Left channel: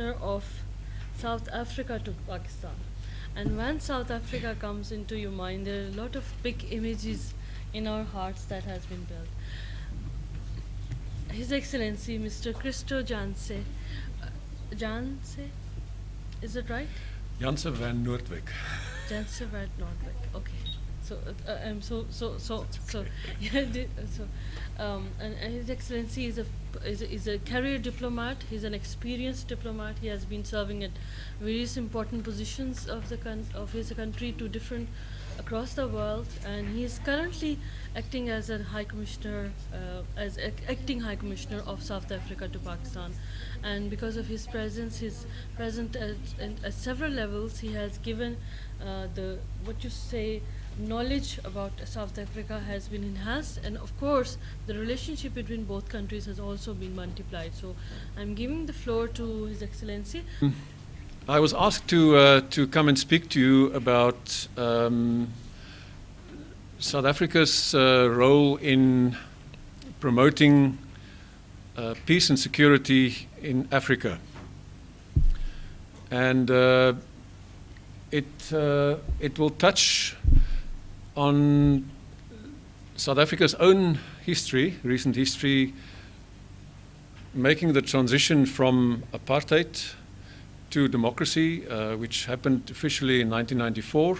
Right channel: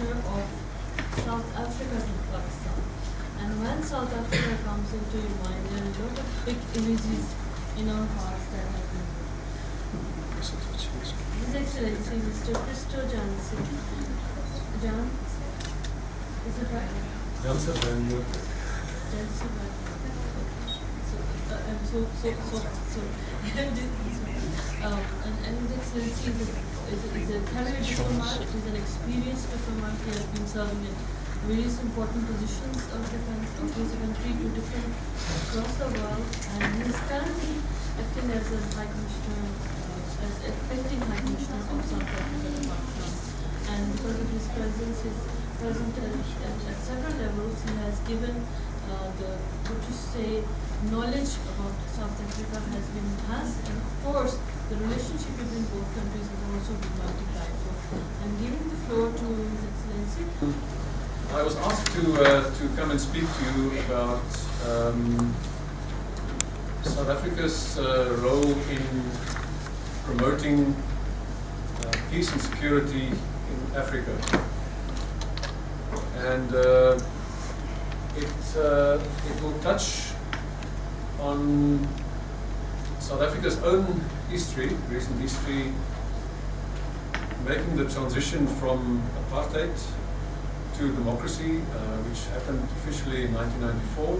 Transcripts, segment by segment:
of South Africa to Pakistan. And when South Africa comes into your mind, there are a lot of big images in our hearts that have been there. His Excellency Mr. Christo Janse, is it right? Janse Van Noordwyk. Janse Van Noordwyk. Okay. And His Excellency is a career diplomat, is an experienced diplomat. He has been serving in various important positions of his country to different across the world, and he is currently acting as a High Commissioner, acting High Commissioner of South Africa to Pakistan. And because of his presence, his present at several levels, he has given knowledge about South Africa and of course the relationship between both countries has also been multiplied. So I'm giving the floor to His Excellency. I was asked to come and speak to you about South Africa's role in promoting peace and security in Africa. And it will touch on South Africa's own history, recent history, making the transition from apartheid to democracy, which happened officially in 1994,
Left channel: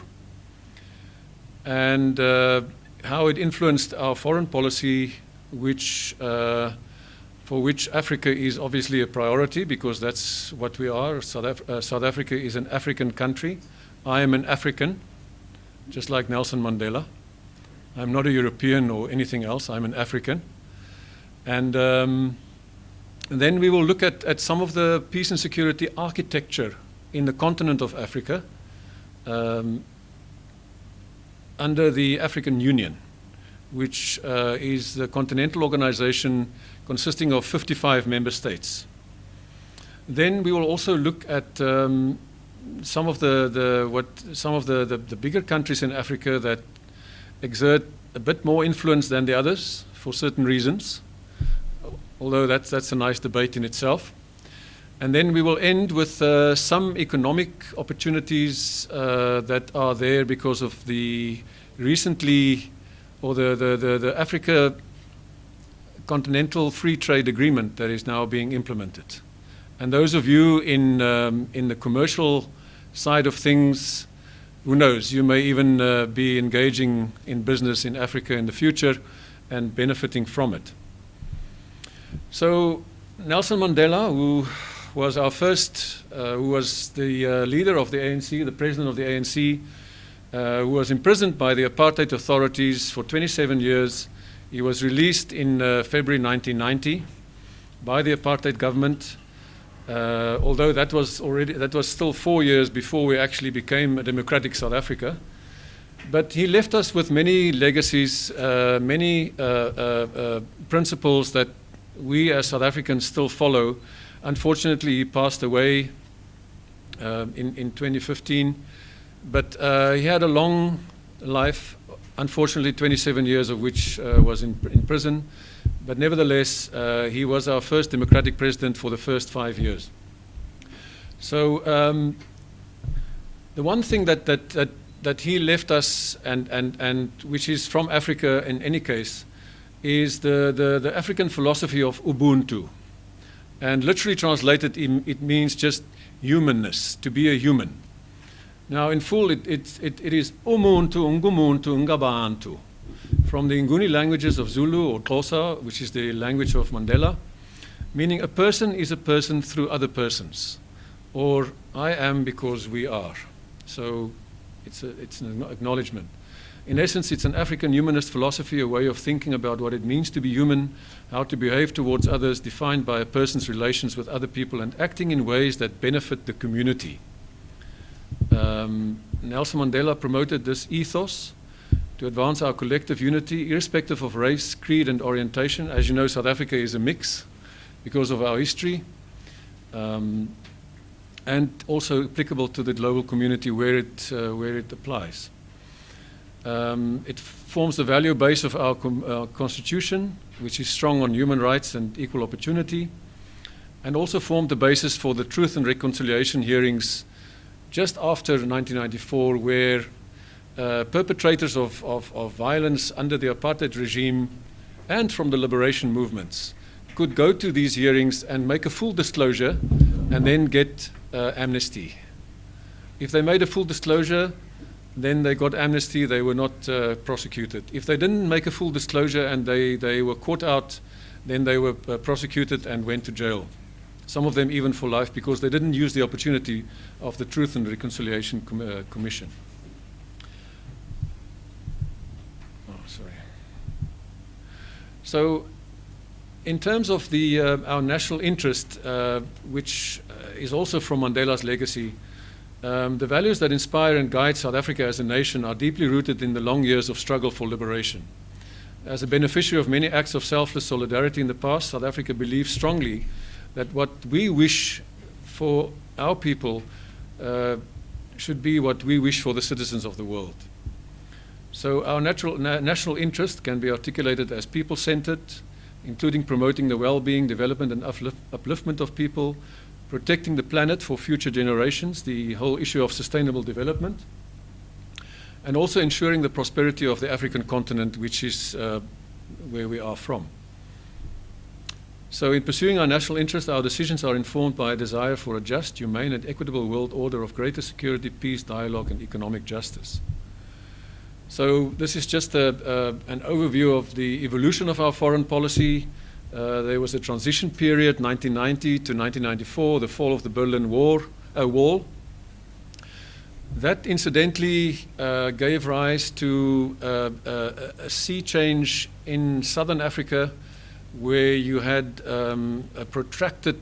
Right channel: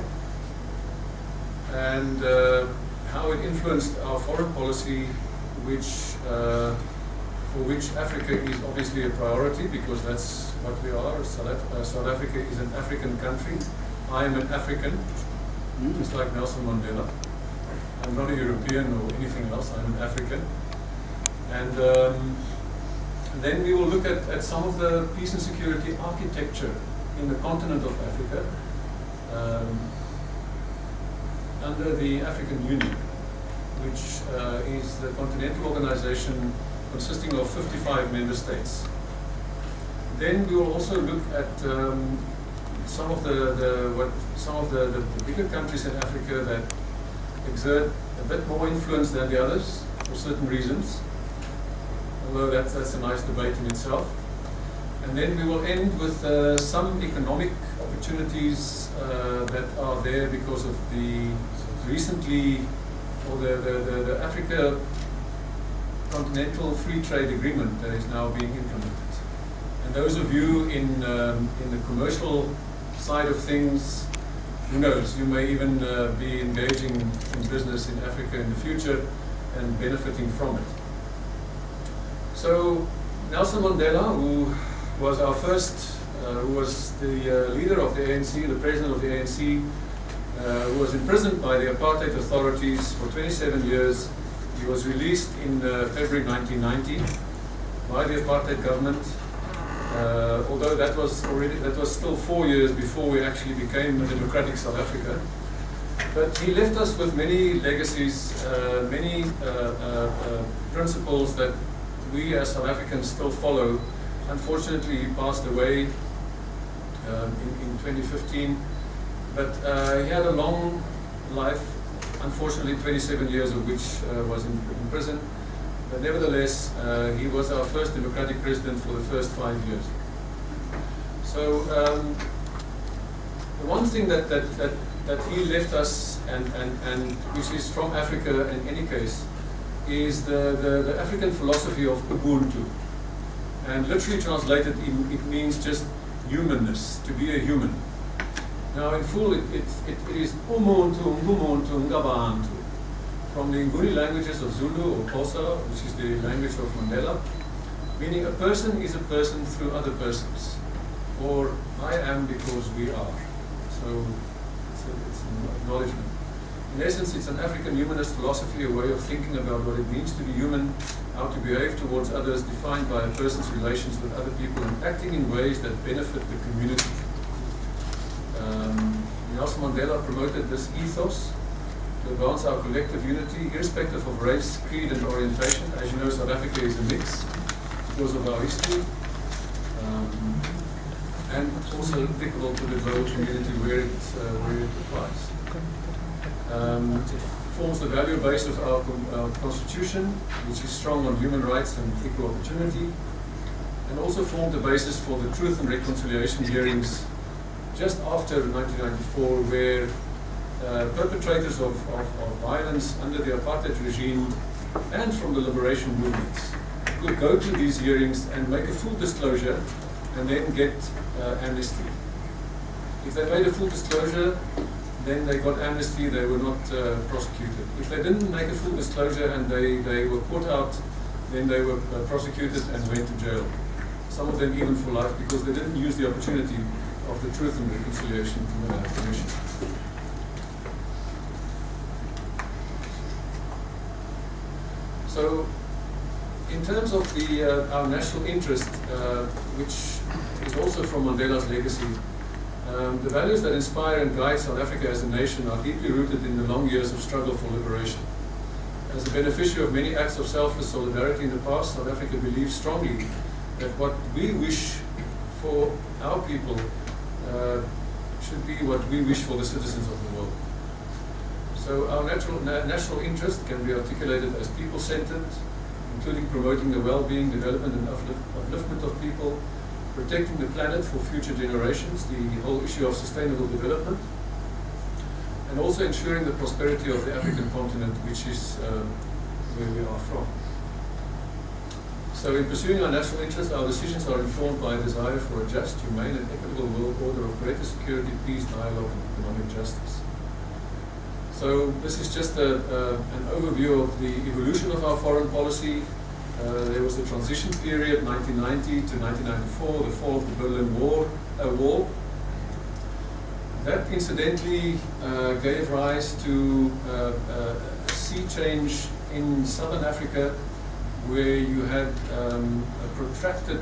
and how it influenced our foreign policy, for which Africa is obviously a priority, because that's what we are. South Africa is an African country. I am an African, just like Nelson Mandela. I'm not a European or anything else. I'm an African. And then we will look at some of the peace and security architecture in the continent of Africa under the African Union, which is the continental organization consisting of 55 member states. Then we will also look at some of the bigger countries in Africa that exert a bit more influence than the others for certain reasons, although that's a nice debate in itself. And then we will end with some economic opportunities that are there because of the Africa Continental Free Trade Agreement that is now being implemented. And those of you in the commercial side of things, who knows, you may even be engaging in business in Africa in the future and benefiting from it. So Nelson Mandela, who was our first, who was the leader of the ANC, the president of the ANC, who was imprisoned by the apartheid authorities for 27 years. He was released in February 1990 by the apartheid government, although that was still 4 years before we actually became a democratic South Africa. But he left us with many legacies, many principles that we as South Africans still follow. Unfortunately, he passed away in 2015, but he had a long life, unfortunately 27 years of which was in prison. But nevertheless, he was our first democratic president for the first 5 years. So the one thing that he left us, and which is from Africa in any case, is the African philosophy of Ubuntu. And literally translated, it means just humanness, to be a human. Now in full, it is umuntu, ngumuntu, ngabantu, from the Nguni languages of Zulu or Xhosa, which is the language of Mandela, meaning a person is a person through other persons, or I am because we are. So it's an acknowledgement. In essence, it's an African humanist philosophy, a way of thinking about what it means to be human, how to behave towards others, defined by a person's relations with other people, and acting in ways that benefit the community. Nelson Mandela promoted this ethos to advance our collective unity, irrespective of race, creed, and orientation. As you know, South Africa is a mix because of our history, and also applicable to the global community where it applies. It forms the value base of our constitution, which is strong on human rights and equal opportunity. and also formed the basis for the Truth and Reconciliation hearings just after 1994, where perpetrators of violence under the apartheid regime and from the liberation movements could go to these hearings and make a full disclosure and then get amnesty. If they made a full disclosure, then they got amnesty, they were not prosecuted. If they didn't make a full disclosure and they were caught out, then they were prosecuted and went to jail. Some of them even for life, because they didn't use the opportunity of the Truth and Reconciliation Commission. So, in terms of our national interest, which is also from Mandela's legacy, the values that inspire and guide South Africa as a nation are deeply rooted in the long years of struggle for liberation. As a beneficiary of many acts of selfless solidarity in the past, South Africa believes strongly that what we wish for our people should be what we wish for the citizens of the world. So our national interest can be articulated as people-centered, including promoting the well-being, development and upliftment of people, protecting the planet for future generations, the whole issue of sustainable development, and also ensuring the prosperity of the African continent, which is where we are from. So in pursuing our national interest, our decisions are informed by a desire for a just, humane and equitable world order of greater security, peace, dialogue and economic justice. So this is just an overview of the evolution of our foreign policy. There was a transition period, 1990 to 1994, the fall of the Berlin Wall. That incidentally gave rise to a sea change in southern Africa, where you had a protracted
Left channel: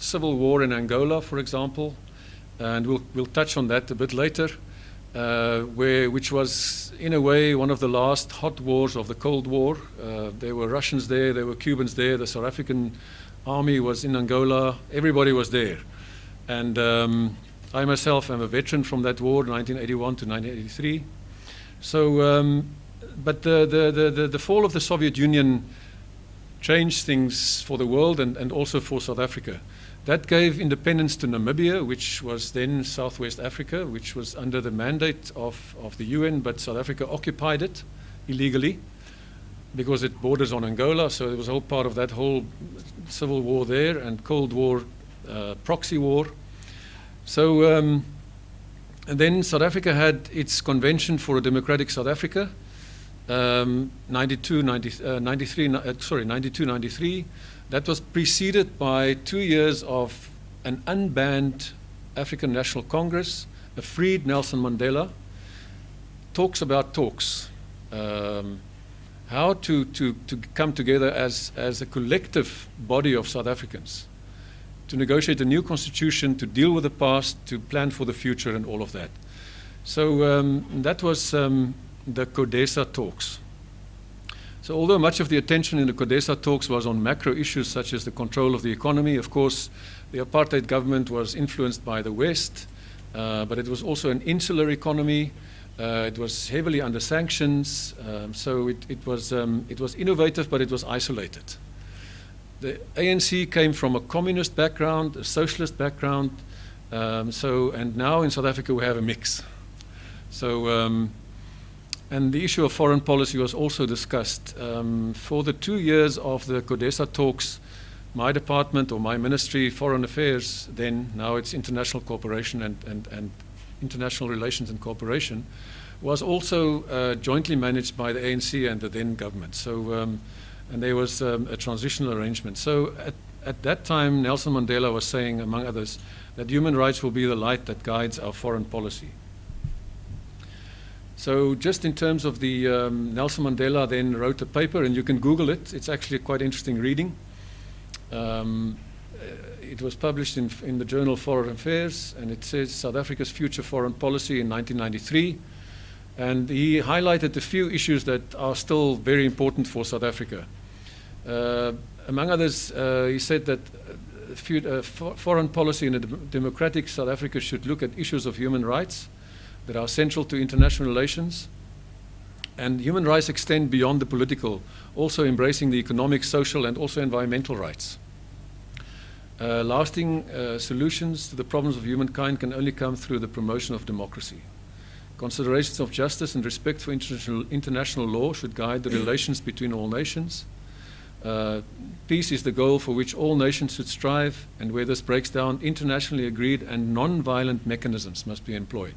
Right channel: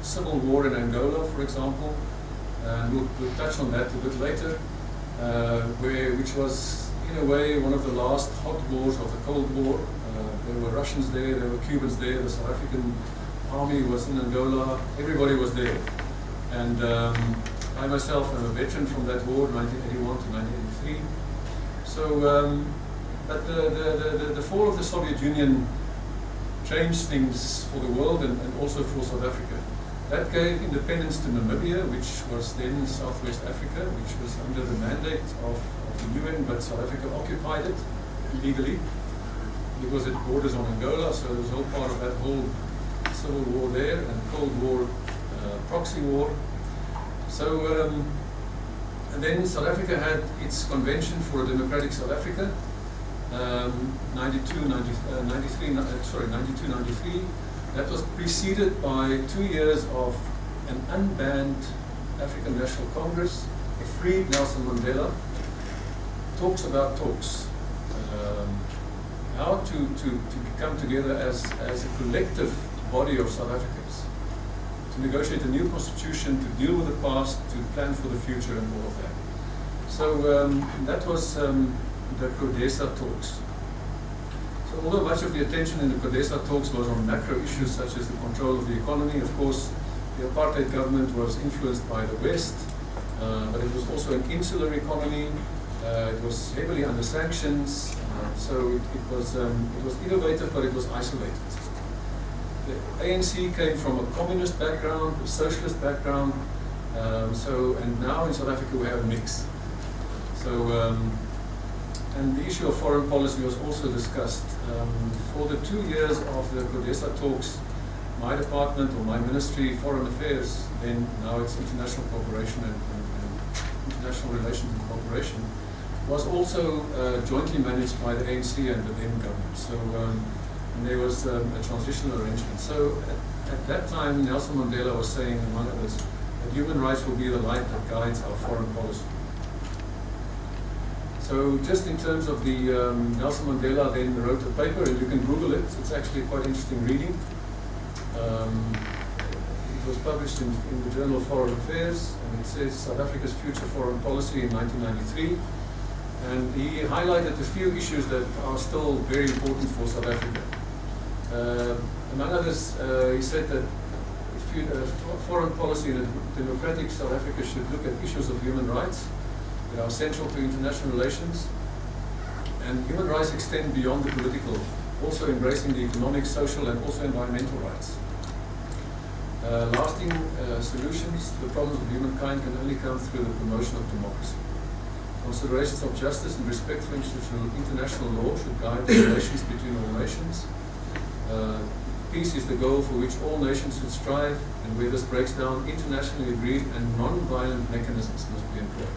civil war in Angola, for example, and we'll touch on that a bit later, which was in a way one of the last hot wars of the Cold War. There were Russians there, there were Cubans there, the South African army was in Angola, everybody was there. And I myself am a veteran from that war, 1981 to 1983. So, but the fall of the Soviet Union changed things for the world and also for South Africa. That gave independence to Namibia, which was then Southwest Africa, which was under the mandate of the UN, but South Africa occupied it illegally because it borders on Angola, so it was all part of that whole civil war there and Cold War proxy war. So and then South Africa had its Convention for a Democratic South Africa, 92-93. That was preceded by 2 years of an unbanned African National Congress, a freed Nelson Mandela, talks about talks, how to come together as a collective body of South Africans, to negotiate a new constitution, to deal with the past, to plan for the future and all of that. So that was the CODESA talks. So although much of the attention in the CODESA talks was on macro issues such as the control of the economy, of course, the apartheid government was influenced by the West, but it was also an insular economy. It was heavily under sanctions, so it was innovative, but it was isolated. The ANC came from a communist background, a socialist background, and now in South Africa we have a mix. So. And the issue of foreign policy was also discussed. For the 2 years of the CODESA talks, my department or my ministry, Foreign Affairs, then now it's International Cooperation and International Relations and Cooperation, was also jointly managed by the ANC and the then government. So, and there was a transitional arrangement. So at that time, Nelson Mandela was saying, among others, that human rights will be the light that guides our foreign policy. So just in terms of the, Nelson Mandela then wrote a paper, and you can Google it. It's actually quite interesting reading. It was published in the journal Foreign Affairs, and it says South Africa's future foreign policy in 1993. And he highlighted a few issues that are still very important for South Africa. Among others, he said that foreign policy in a democratic South Africa should look at issues of human rights that are central to international relations, and human rights extend beyond the political, also embracing the economic, social and also environmental rights. lasting solutions to the problems of humankind can only come through the promotion of democracy. Considerations of justice and respect for international law should guide the relations between all nations. Peace is the goal for which all nations should strive, and where this breaks down, internationally agreed and non-violent mechanisms must be employed.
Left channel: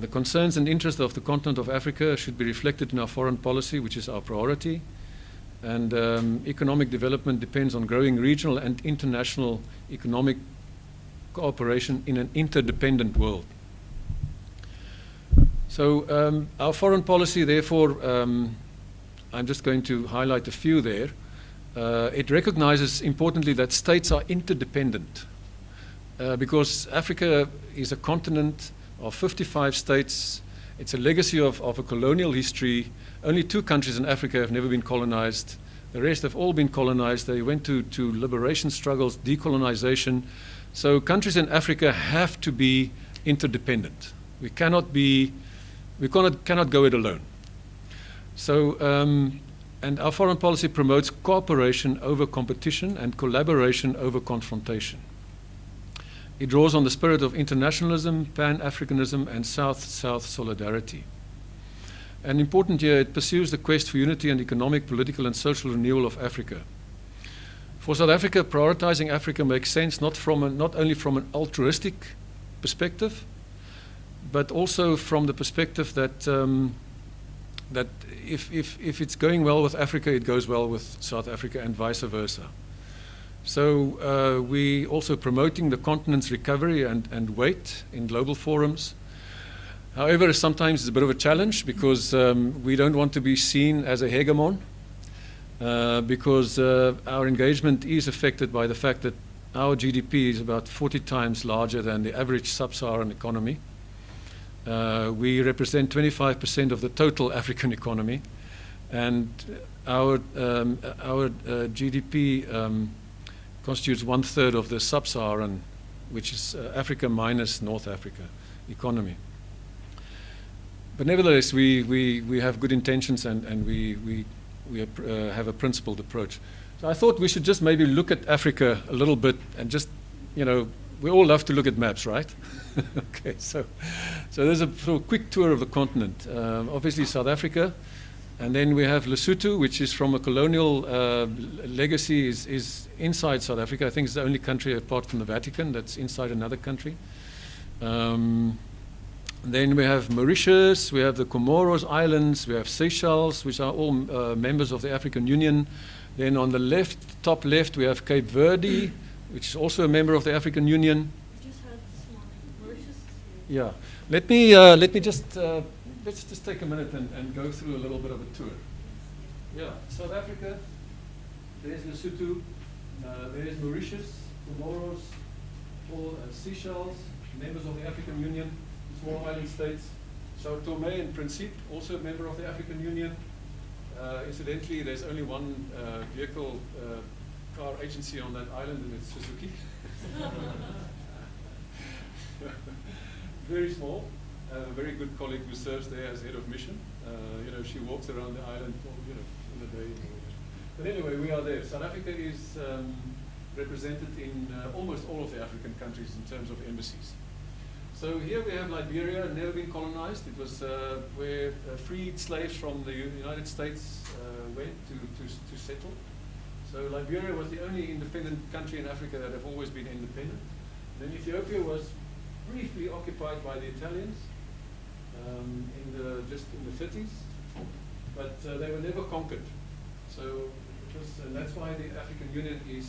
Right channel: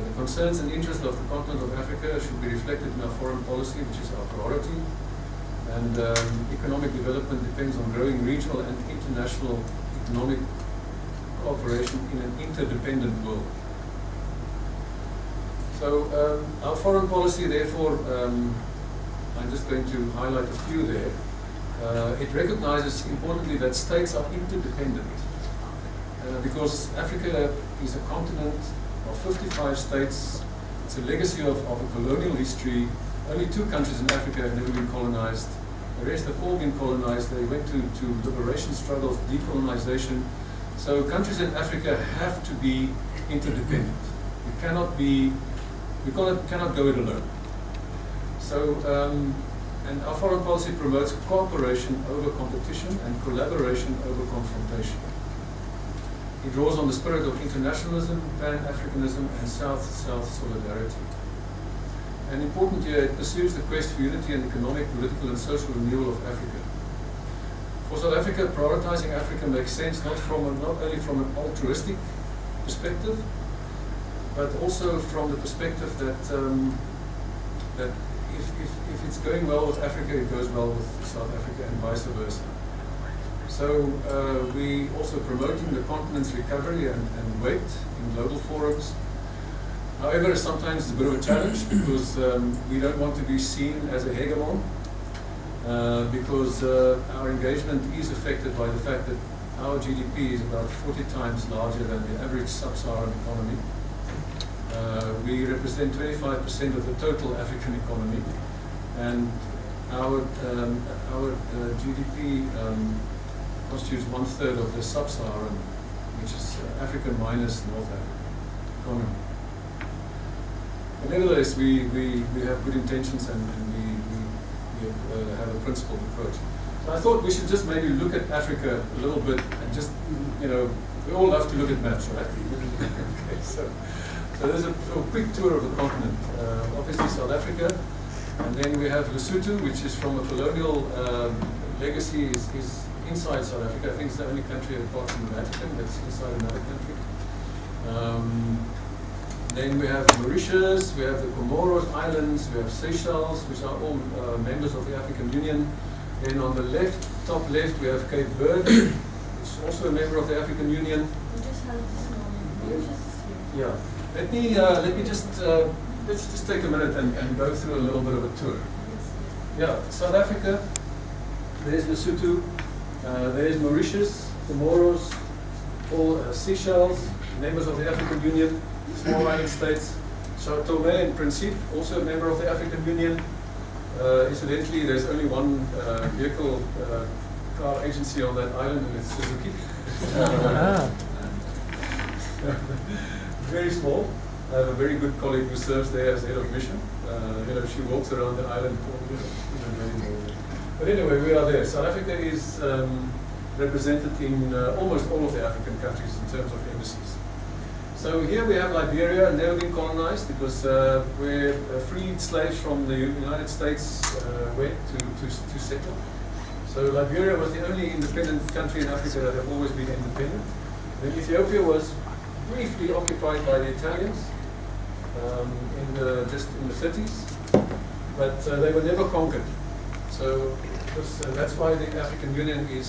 The concerns and interests of the continent of Africa should be reflected in our foreign policy, which is our priority. And economic development depends on growing regional and international economic cooperation in an interdependent world. So our foreign policy, therefore, I'm just going to highlight a few there. It recognizes importantly that states are interdependent because Africa is a continent of 55 states. It's a legacy of a colonial history. Only 2 countries in Africa have never been colonized. The rest have all been colonized. They went to liberation struggles, decolonization. So countries in Africa have to be interdependent. We cannot go it alone. So, and our foreign policy promotes cooperation over competition and collaboration over confrontation. It draws on the spirit of internationalism, Pan-Africanism, and South-South solidarity. And important here, it pursues the quest for unity and economic, political, and social renewal of Africa. For South Africa, prioritizing Africa makes sense not only from an altruistic perspective, but also from the perspective that that if it's going well with Africa, it goes well with South Africa, and vice versa. So we also promoting the continent's recovery and weight in global forums. However, sometimes it's a bit of a challenge because we don't want to be seen as a hegemon because our engagement is affected by the fact that our GDP is about 40 times larger than the average sub-Saharan economy. We represent 25% of the total African economy, and our GDP constitutes 1/3 of the sub-Saharan, which is Africa minus North Africa economy. But nevertheless, we have good intentions and we have a principled approach. So I thought we should just maybe look at Africa a little bit and just, we all love to look at maps, right? Okay, so there's a sort of quick tour of the continent. Obviously South Africa, and then we have Lesotho, which is from a colonial legacy, is inside South Africa. I think it's the only country apart from the Vatican that's inside another country. Then we have Mauritius, we have the Comoros Islands, we have Seychelles, which are all members of the African Union. Then on the left, top left, we have Cape Verde, which is also a member of the African Union. Yeah. Let me just let's just take a minute and go through a little bit of a tour. Yeah, South Africa. There's Lesotho. There's Mauritius, Comoros, all Seychelles, members of the African Union. Small island states. Sao Tome and Principe, also a member of the African Union. Incidentally, there's only one vehicle car agency on that island, and it's Suzuki. Very small. I have a very good colleague who serves there as head of mission. She walks around the island. But anyway, we are there. South Africa is represented in almost all of the African countries in terms of embassies. So here we have Liberia, never been colonized because where freed slaves from the United States went to settle. So Liberia was the only independent country in Africa that have always been independent. Then Ethiopia was briefly occupied by the Italians just in the 30s, but they were never conquered. So that's why the African Union is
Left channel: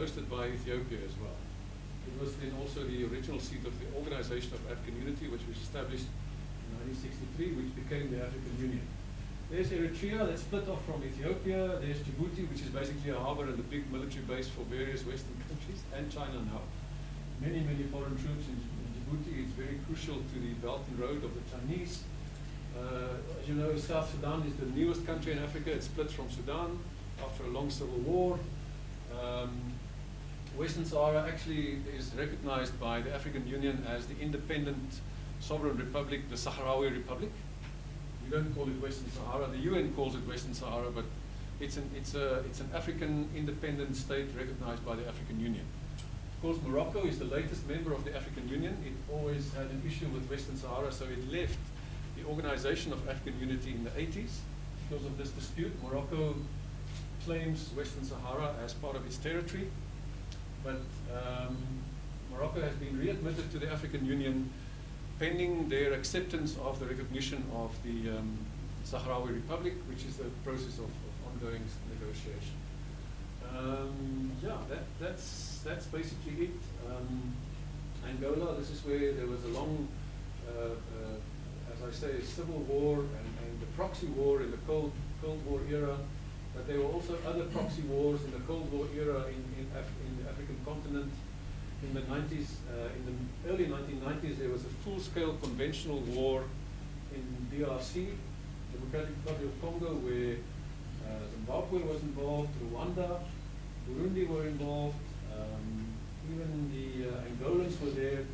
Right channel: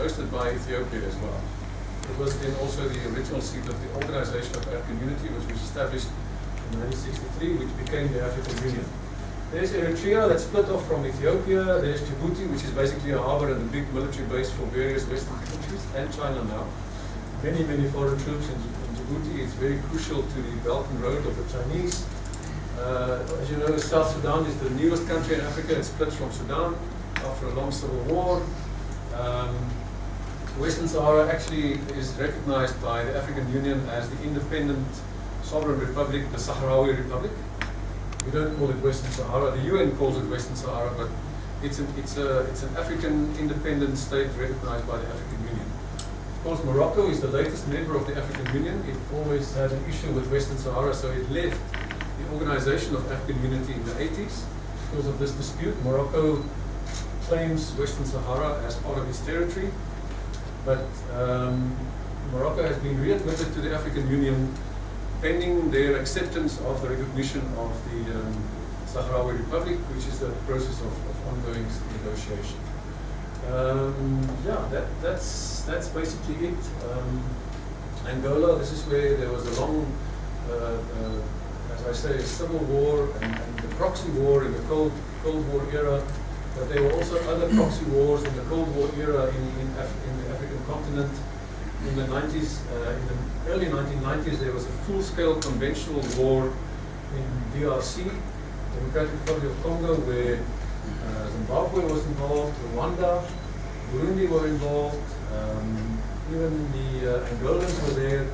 hosted by Ethiopia as well. It was then also the original seat of the Organization of African Unity, which was established in 1963, which became the African Union. There's Eritrea that's split off from Ethiopia. There's Djibouti, which is basically a harbor and a big military base for various Western countries, and China now. Many foreign troops in Djibouti. It's very crucial to the Belt and Road of the Chinese. As you know, South Sudan is the newest country in Africa. It split from Sudan after a long civil war. Western Sahara actually is recognized by the African Union as the independent sovereign republic, the Sahrawi Republic. We don't call it Western Sahara. The UN calls it Western Sahara, but it's an African independent state recognized by the African Union. Of course, Morocco is the latest member of the African Union. It always had an issue with Western Sahara, so it left the organization of African unity in the 80s. Because of this dispute, Morocco claims Western Sahara as part of its territory, but Morocco has been readmitted to the African Union pending their acceptance of the recognition of the Sahrawi Republic, which is the process of ongoing negotiation. Yeah, that's basically it. Angola, this is where there was a long, as I say, a civil war and the proxy war in the Cold War era. But there were also other proxy wars in the Cold War era in the African continent. In the 90s, in the early 1990s, there was a full-scale conventional war in DRC, Democratic Republic of Congo, where Zimbabwe was involved, Rwanda, Burundi were involved, even the Angolans were there,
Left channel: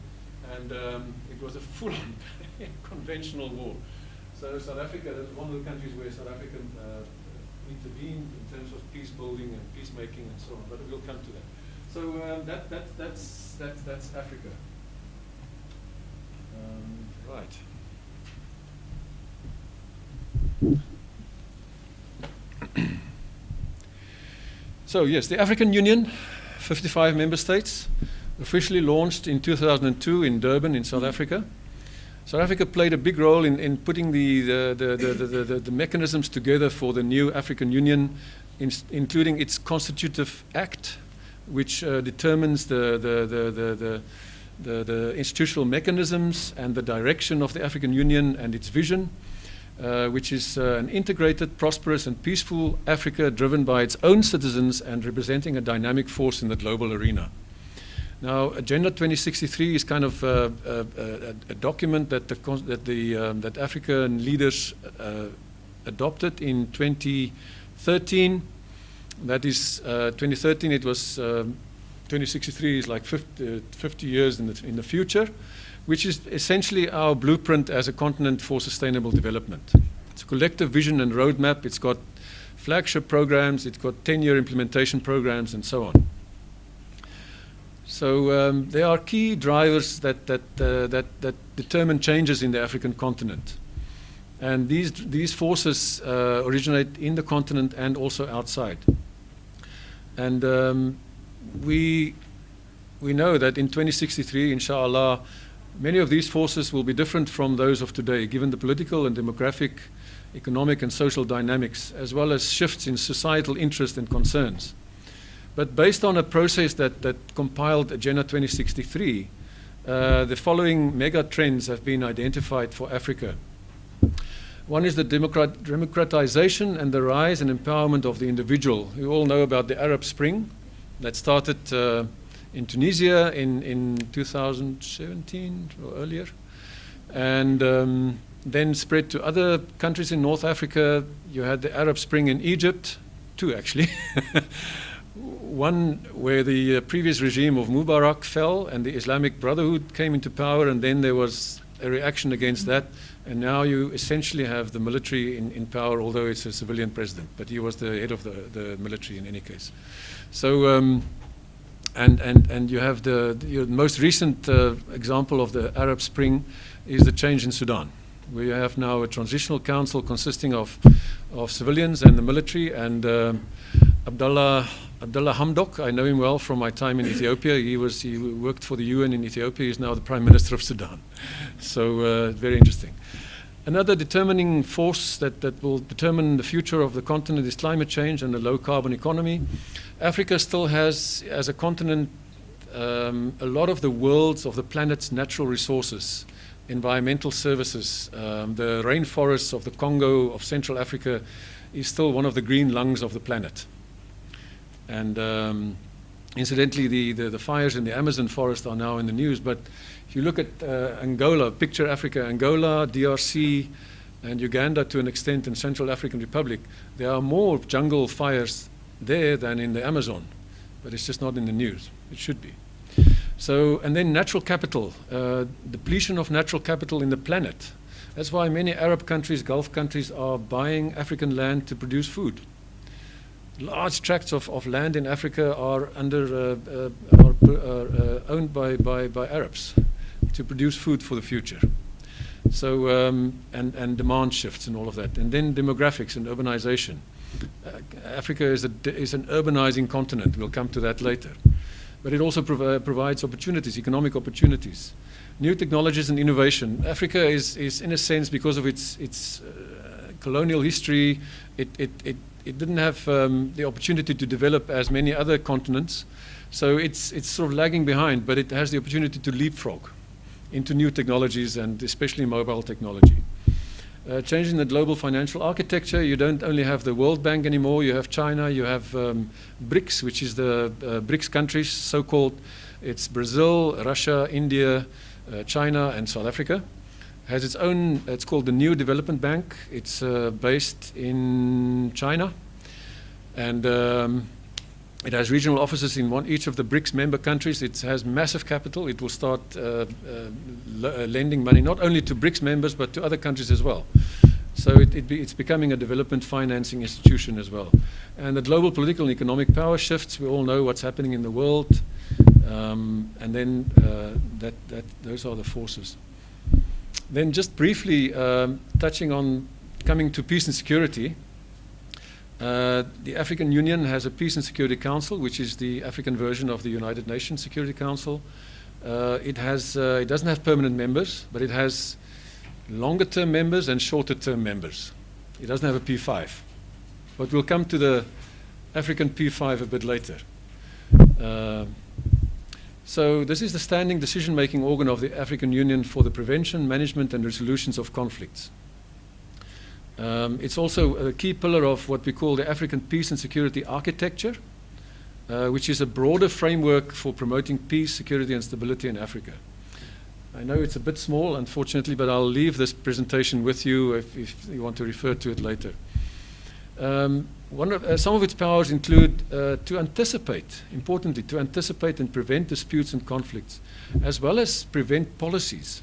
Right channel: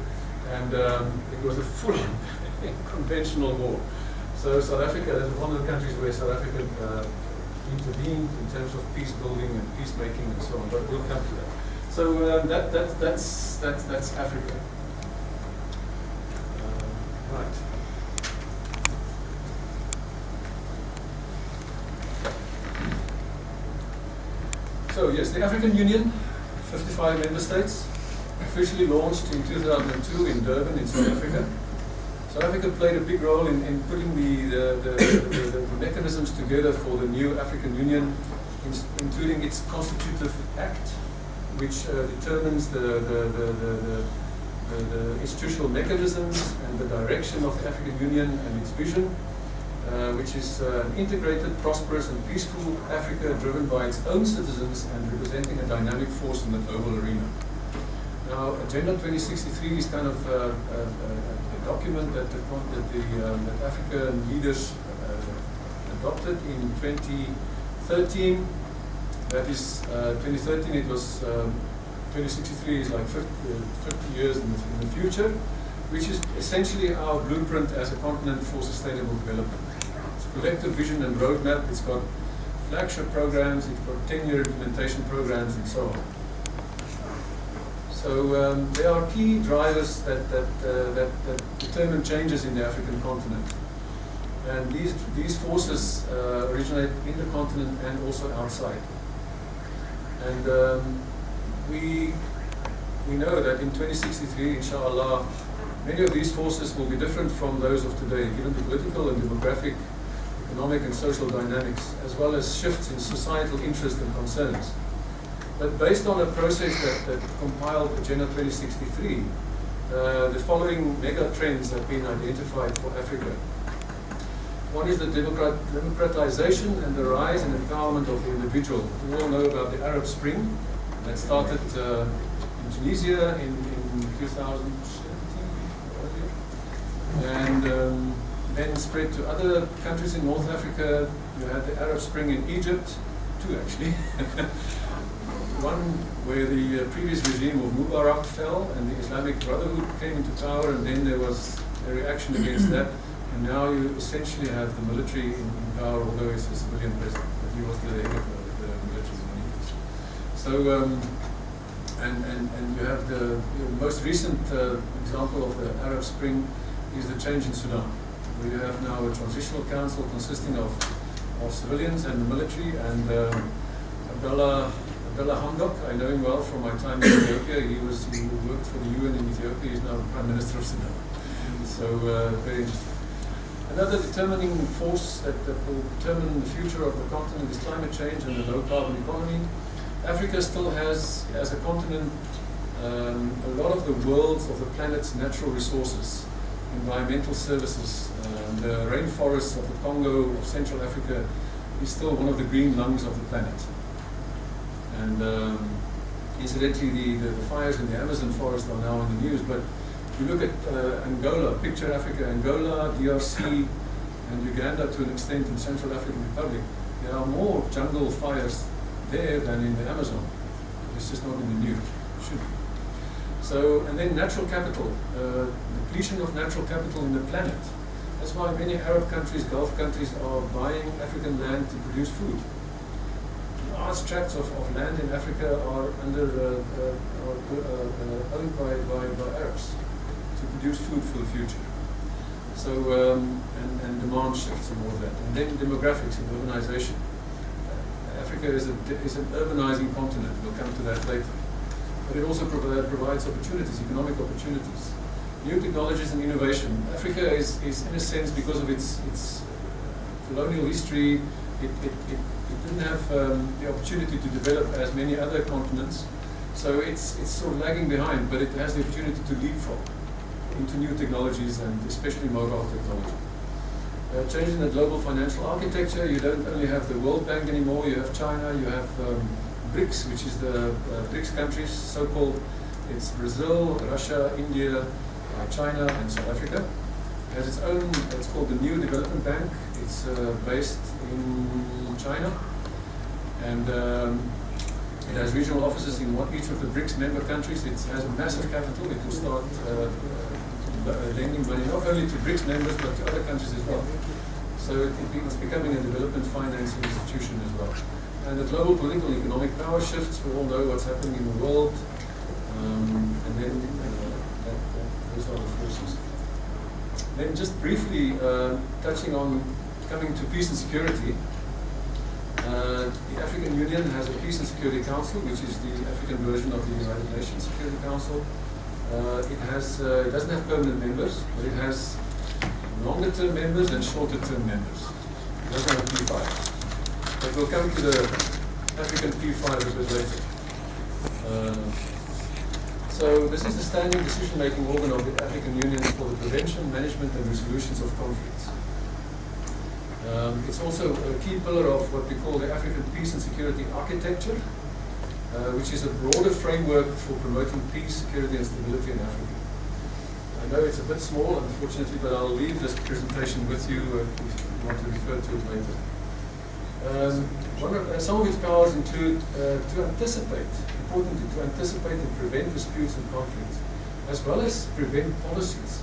and it was a full conventional war. So South Africa is one of the countries where South Africa intervened in terms of peace building and peacemaking and so on, but we'll come to that. So that's Africa. Right. So yes, the African Union, 55 member states, officially launched in 2002 in Durban in South Africa. South Africa played a big role in putting the mechanisms together for the new African Union, including its constitutive act, which determines the institutional mechanisms and the direction of the African Union and its vision, which is an integrated, prosperous and peaceful Africa driven by its own citizens and representing a dynamic force in the global arena. Now, Agenda 2063 is kind of a document that that African leaders adopted in 2013. That is 2013. It was 2063 is like 50 years in the future, which is essentially our blueprint as a continent for sustainable development. It's a collective vision and roadmap. It's got flagship programs. It's got 10-year implementation programs, and so on. So there are key drivers that determine changes in the African continent, and these forces originate in the continent and also outside. And we know that in 2063, inshallah, many of these forces will be different from those of today, given the political and demographic, economic and social dynamics, as well as shifts in societal interest and concerns. But based on a process that compiled Agenda 2063, the following mega trends have been identified for Africa. One is the democratization and the rise and empowerment of the individual. We all know about the Arab Spring that started in Tunisia in 2017 or earlier, and then spread to other countries in North Africa. You had the Arab Spring in Egypt, two actually. One where the previous regime of Mubarak fell and the Islamic Brotherhood came into power, and then there was a reaction against that, and now you essentially have the military in power, although it's a civilian president, but he was the head of the military in any case. So and you have your most recent example of the Arab Spring is the change in Sudan. We have now a transitional council consisting of civilians and the military, and Abdullah Hamdok, I know him well from my time in Ethiopia. He worked for the UN in Ethiopia. He's now the Prime Minister of Sudan. So very interesting. Another determining force that will determine the future of the continent is climate change and the low carbon economy. Africa still has, as a continent, a lot of the the planet's natural resources, environmental services. The rainforests of the Congo, of Central Africa, is still one of the green lungs of the planet. And incidentally, the fires in the Amazon forest are now in the news. But if you look at Angola, picture Africa, Angola, DRC, and Uganda to an extent in Central African Republic, there are more jungle fires there than in the Amazon. But it's just not in the news. It should be. So, and then natural capital, depletion of natural capital in the planet. That's why many Arab countries, Gulf countries, are buying African land to produce food. large tracts of land in Africa are owned by Arabs to produce food for the future. So, and demand shifts and all of that. And then demographics and urbanization. Africa is an urbanizing continent. We'll come to that later. But it also provides opportunities, economic opportunities. New technologies and innovation. Africa is in a sense, because of its colonial history, it didn't have the opportunity to develop as many other continents. So it's sort of lagging behind, but it has the opportunity to leapfrog into new technologies, and especially mobile technology. Changing the global financial architecture, you don't only have the World Bank anymore, you have China, you have BRICS, which is the BRICS countries, so-called. It's Brazil, Russia, India, China, and South Africa. Has its own, it's called the New Development Bank. It's based in China, and it has regional offices in each of the BRICS member countries. It has massive capital. It will start lending money not only to BRICS members but to other countries as well. So it's becoming a development financing institution as well. And the global political and economic power shifts. We all know what's happening in the world, and then those are the forces. Then just briefly touching on coming to peace and security. The African Union has a Peace and Security Council, which is the African version of the United Nations Security Council. It doesn't have permanent members, but it has longer-term members and shorter-term members. It doesn't have a P5. But we'll come to the African P5 a bit later. So this is the standing decision-making organ of the African Union for the prevention, management, and resolutions of conflicts. It's also a key pillar of what we call the African Peace and Security Architecture, which is a broader framework for promoting peace, security, and stability in Africa. I know it's a bit small, unfortunately, but I'll leave this presentation with you if you want to refer to it later. Some of its powers include to anticipate, importantly, to anticipate and prevent disputes and conflicts, as well as prevent policies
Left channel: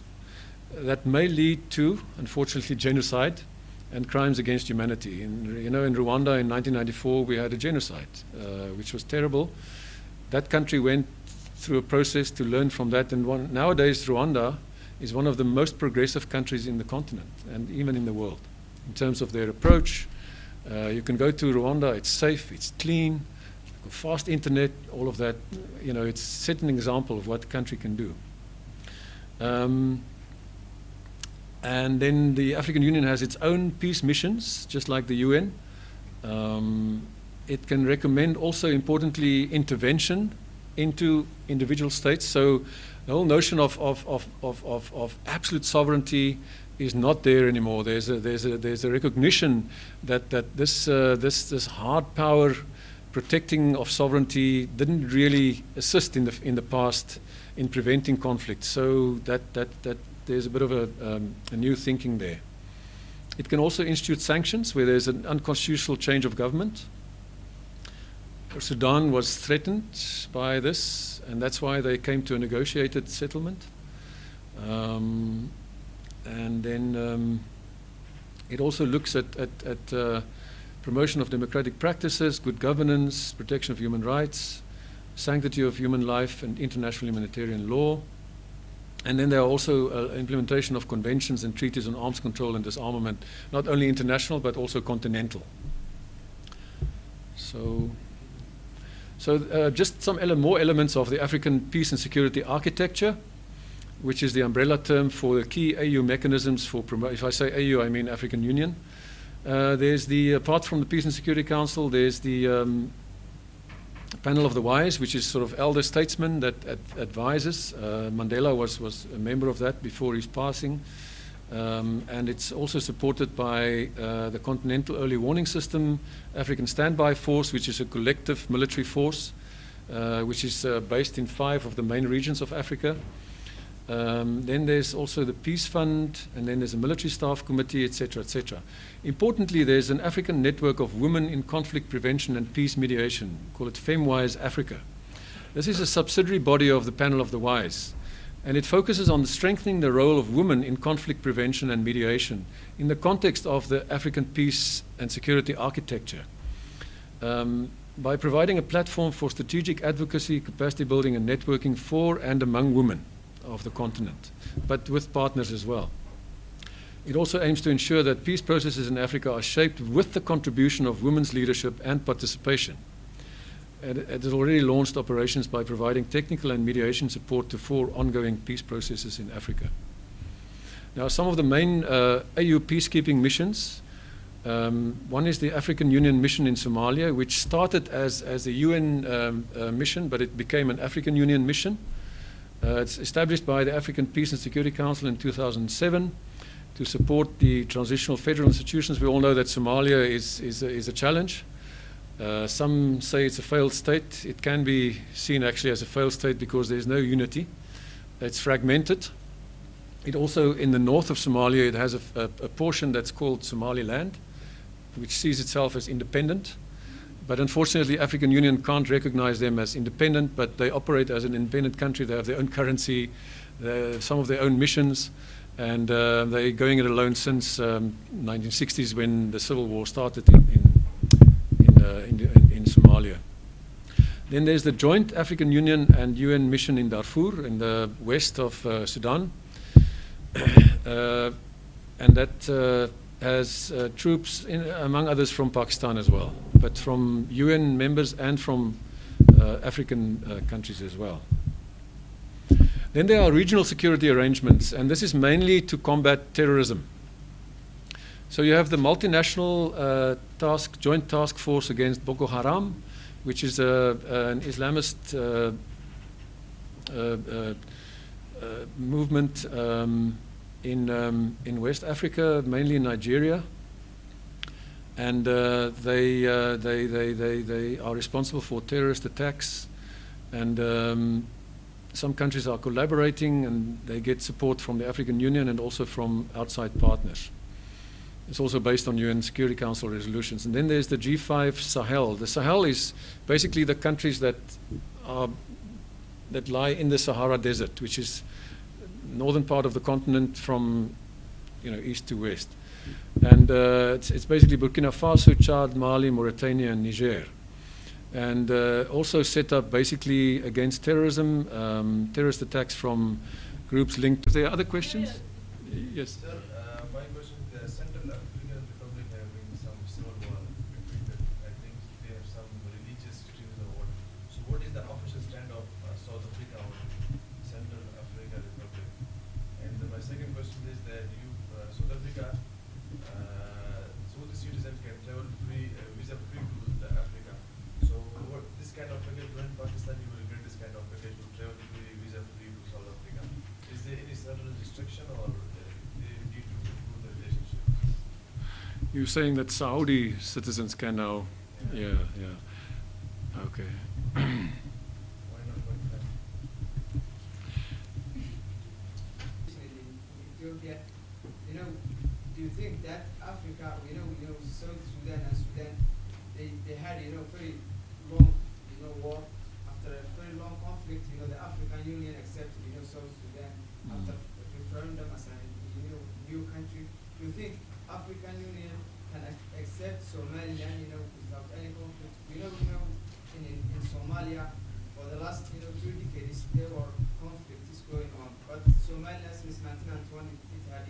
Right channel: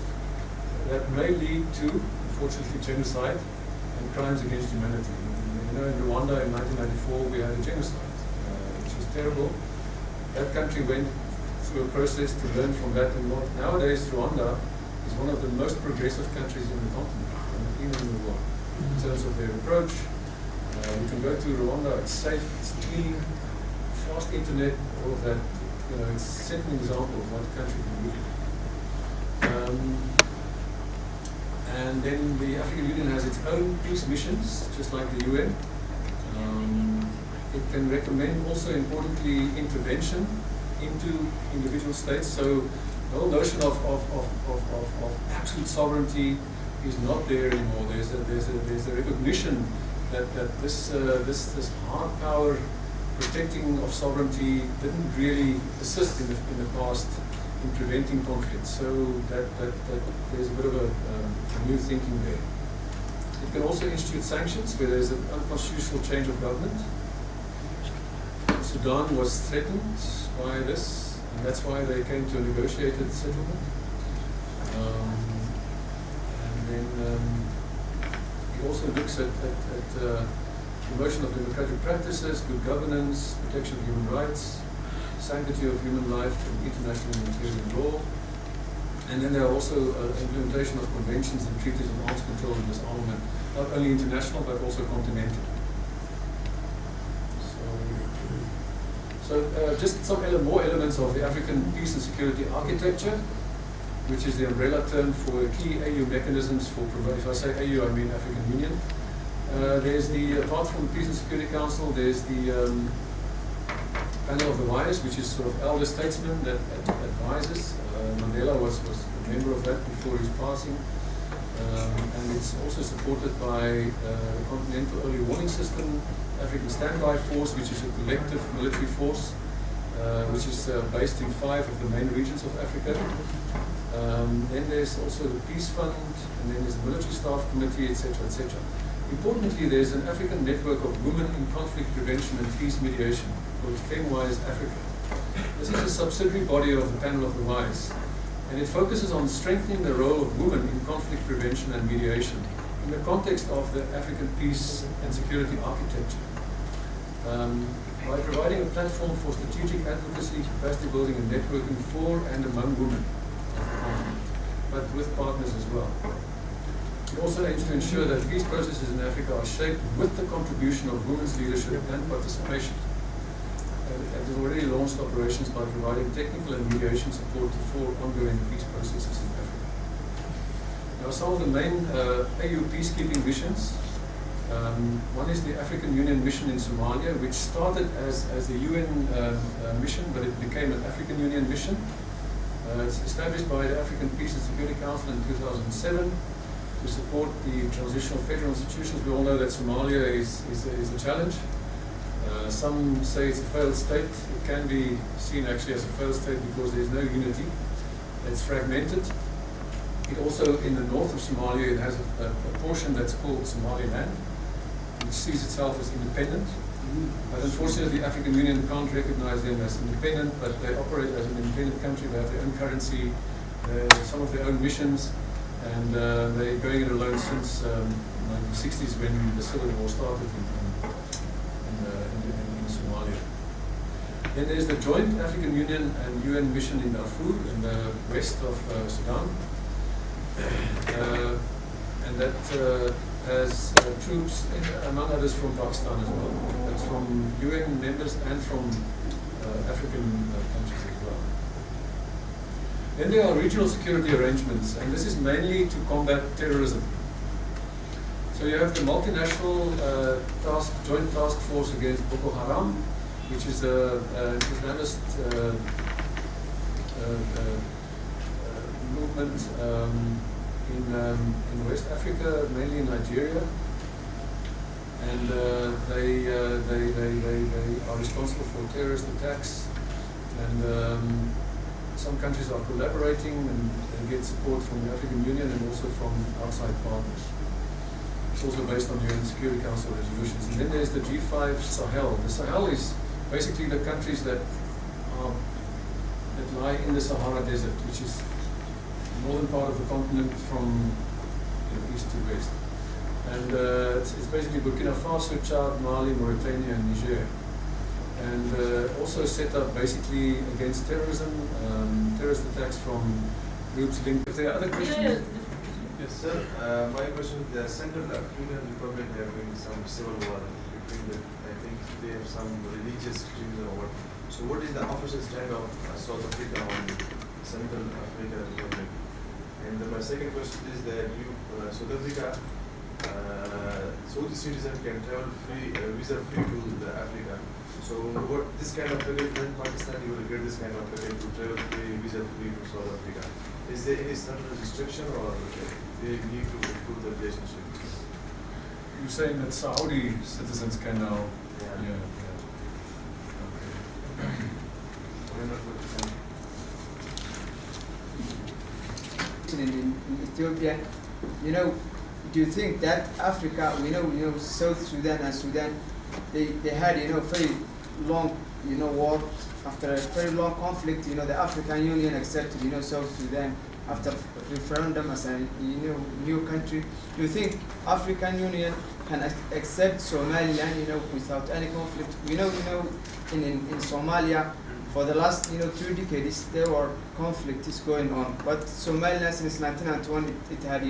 that may lead to, unfortunately, genocide and crimes against humanity. You know, in Rwanda in 1994 we had a genocide, which was terrible. That country went through a process to learn from that, and nowadays Rwanda is one of the most progressive countries in the continent, and even in the world, in terms of their approach. You can go to Rwanda, it's safe, it's clean, fast internet, all of that. You know, it's set an example of what the country can do. And then the African Union has its own peace missions, just like the UN. It can recommend also, importantly, intervention into individual states. So the whole notion of absolute sovereignty is not there anymore. There's a recognition that this hard power protecting of sovereignty didn't really assist in the past in preventing conflict. So that there's a bit of a new thinking there. It can also institute sanctions where there's an unconstitutional change of government. Sudan was threatened by this, and that's why they came to a negotiated settlement. And then it also looks at promotion of democratic practices, good governance, protection of human rights, sanctity of human life, and international humanitarian law. And then there are also implementation of conventions and treaties on arms control and disarmament, not only international but also continental. So just some more elements of the African peace and security architecture, which is the umbrella term for the key AU mechanisms for if I say AU, I mean African Union. There's apart from the Peace and Security Council, there's the Panel of the Wise, which is sort of elder statesmen that advises. Mandela was a member of that before his passing. And it's also supported by the Continental Early Warning System, African Standby Force, which is a collective military force, which is based in 5 of the main regions of Africa. Then there's also the Peace Fund, and then there's a Military Staff Committee, etc., etc. Importantly, there's an African network of women in conflict prevention and peace mediation called FemWise Africa. This is a subsidiary body of the Panel of the Wise, and it focuses on strengthening the role of women in conflict prevention and mediation in the context of the African peace and security architecture. by providing a platform for strategic advocacy, capacity building and networking for and among women of the continent, but with partners as well. It also aims to ensure that peace processes in Africa are shaped with the contribution of women's leadership and participation. And it has already launched operations by providing technical and mediation support to 4 ongoing peace processes in Africa. Now, some of the main AU peacekeeping missions. One is the African Union mission in Somalia, which started as a UN mission, but it became an African Union mission. It's established by the African Peace and Security Council in 2007 to support the transitional federal institutions. We all know that Somalia is a challenge. Some say it's a failed state. It can be seen actually as a failed state because there is no unity. It's fragmented. It also, in the north of Somalia, it has a portion that's called Somaliland, which sees itself as independent. But unfortunately, the African Union can't recognize them as independent, but they operate as an independent country. They have their own currency, some of their own missions, and they're going it alone since 1960s when the civil war started in Somalia. Then there's the joint African Union and UN mission in Darfur in the west of Sudan. And that has troops, among others, from Pakistan as well, but from UN members and from African countries as well. Then there are regional security arrangements, and this is mainly to combat terrorism. So you have the multinational joint task force against Boko Haram, which is an Islamist movement in West Africa, mainly in Nigeria, and they are responsible for terrorist attacks, and some countries are collaborating, and they get support from the African Union and also from outside partners. It's also based on UN Security Council resolutions. And then there's the G5 Sahel. The Sahel is basically the countries that lie in the Sahara Desert, which is northern part of the continent from east to west. And it's basically Burkina Faso, Chad, Mali, Mauritania, and Niger. And also set up basically against terrorism, terrorist attacks from groups linked. Is there other questions? Yes. Sir, my question is the Central African Republic having some civil war between the, I think they have some religious creeds or what. So what is the official stand of South Africa on Central African Republic? And my second question is that South Africa, Saudi citizens can travel free, visa free to the Africa. So what this kind of package in Pakistan, you will get this kind of package to travel free, visa free to South Africa. Is there any certain restriction or they need to improve the relationship? You're saying that Saudi citizens can now? Yeah. Okay. Why not Pakistan? In Ethiopia, do you think that Africa, we know South Sudan and Sudan, they had very long war. After a very long conflict, the African Union accepted South Sudan after referendum as a new country. Do you think African Union can accept Somaliland without any conflict? We know in Somalia for the last 2 decades there were conflicts going on, but Somaliland since 1991 it had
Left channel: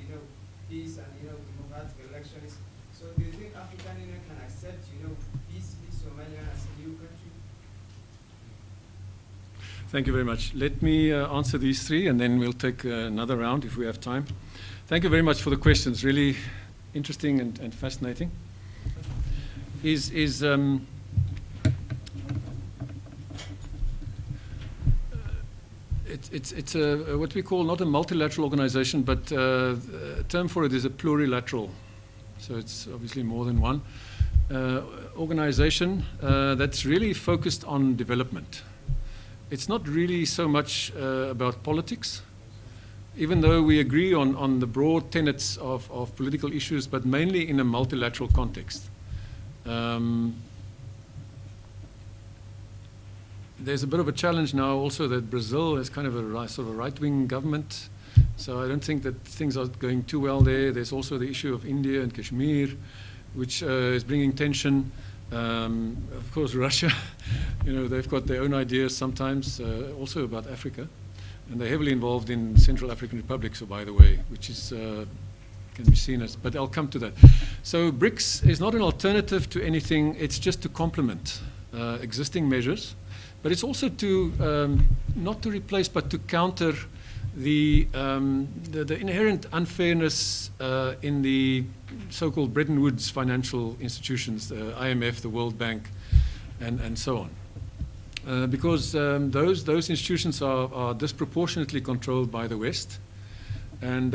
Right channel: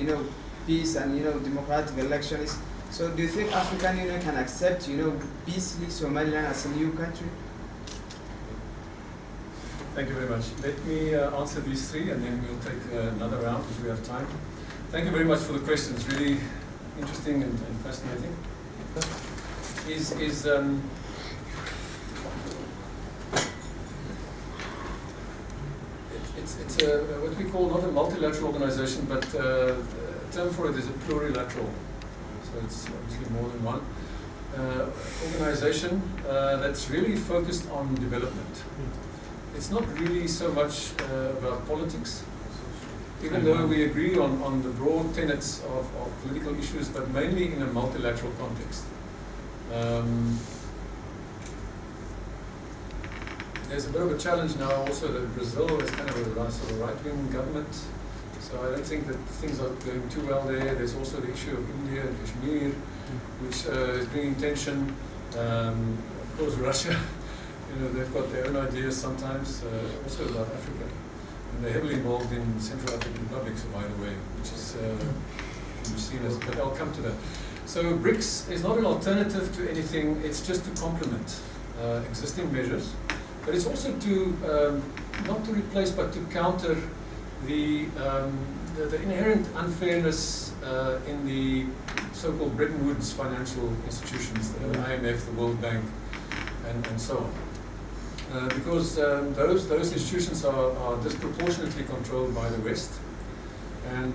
peace and democratic elections. So do you think African Union can accept peacefully Somaliland as a new country? Thank you very much. Let me answer these 3, and then we'll take another round if we have time. Thank you very much for the questions. Really interesting and fascinating. It's what we call not a multilateral organization, but a term for it is a plurilateral. So it's obviously more than one organization that's really focused on development. It's not really so much about politics, even though we agree on the broad tenets of political issues, but mainly in a multilateral context. There's a bit of a challenge now also that Brazil is kind of a sort of right-wing government, so I don't think that things are going too well there. There's also the issue of India and Kashmir, which is bringing tension. Of course, Russia, they've got their own ideas sometimes, also about Africa, and they're heavily involved in Central African Republic, so by the way, which is can be seen as, but I'll come to that. So BRICS is not an alternative to anything, it's just to complement existing measures, but it's also to, not to replace, but to counter the inherent unfairness in the so-called Bretton Woods financial institutions, the IMF, the World Bank, and so on. Because those institutions are disproportionately controlled by the West, and